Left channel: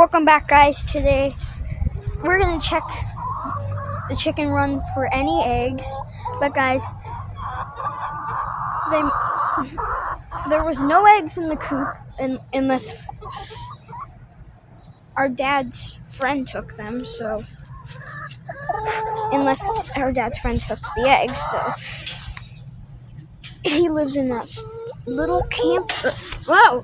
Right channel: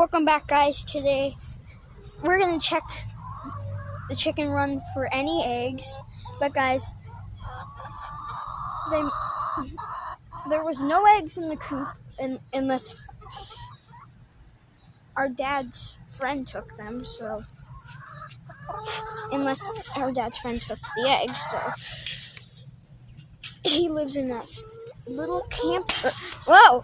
Welcome back, guys. Today we're gonna check the chicken run for any eggs, but guys, there was no eggs in the coop unless our dad's friend took them. So unless our dad's friend took the eggs, so he lives in that little camper. Whoa!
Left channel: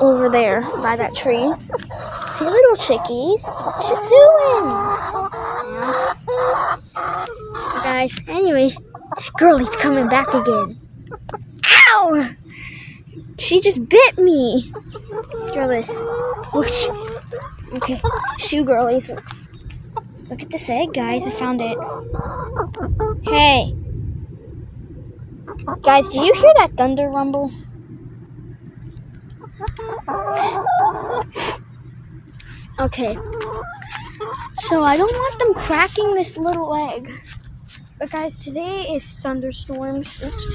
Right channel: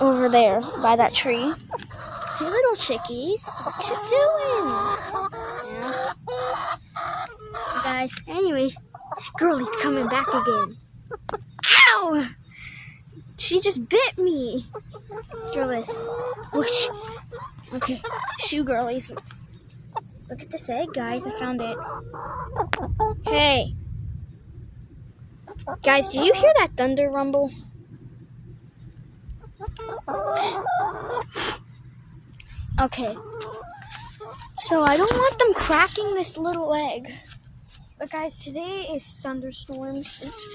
Over there by that tree. Hey, little chickies, what you doing? Yeah. Guys, anyways, this girlie's coming back again. Ow! She just bit me. Girlies, whoosh. Okay, shoe girlies. Look at this egg, guys. I found it. Hey. Guys, do you hear that thunder rumble? Okay, so I don't want them cracking this little egg. But guys, today is thunderstorms. Oops,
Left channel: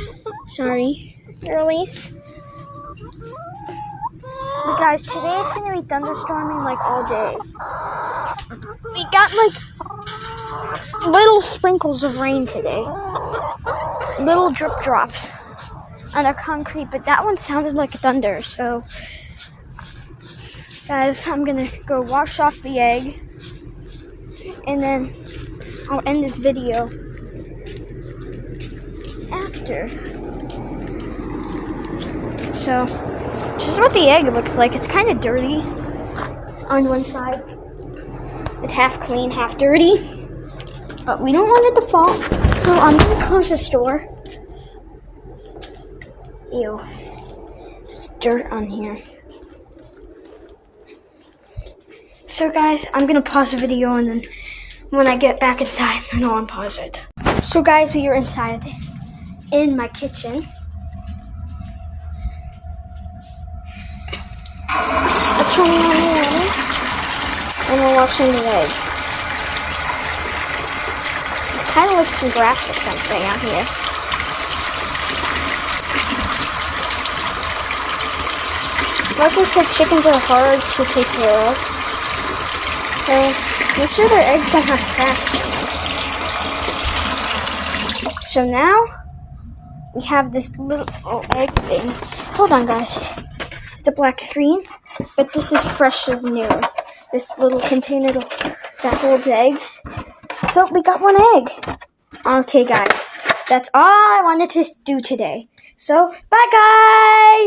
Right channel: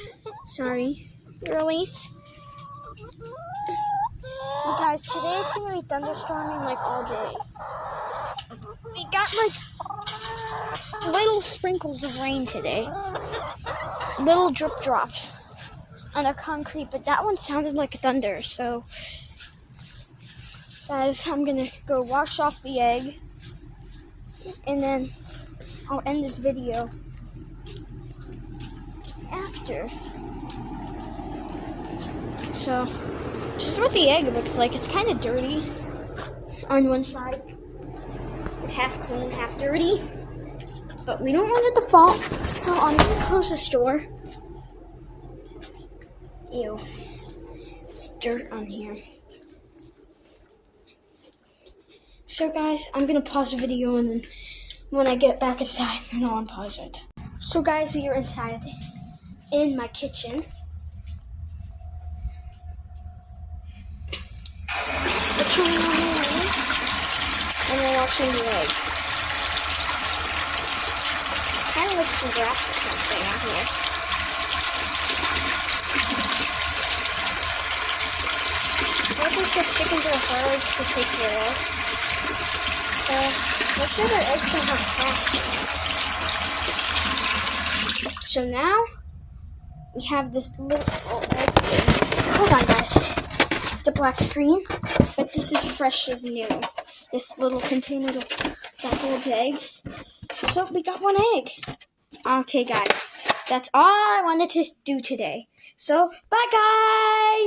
sorry, girlies. But guys, today it's gonna be thunderstorming like all day. We got like little sprinkles of rain today. Little drip drops on the concrete, but that one sounded like thunder, so guys, I'm gonna go wash off the egg and then I'll end this video after. So this is what the egg looks like. It's kind of dirty on one side. It's half clean, half dirty, but we don't want it to fall, so I'm gonna close this door. Ew, there's dirt on here. So guys, I'm gonna pause the video, and then when I get back inside, then I'll unpause it. So guys, we are inside in my kitchen. It's running on the water, and we're washing the egg. It's kind of like some grass or something out here. Like I said, chickens are hard to take care of. So make sure their eggs don't have cracks. So now we have this little egg. Hold on, guys. It's a black screen, but this is fresh as new. This little container that holds eggs. So we got one egg. Okay, guys. That's all I wanted to do today. So bye, guys.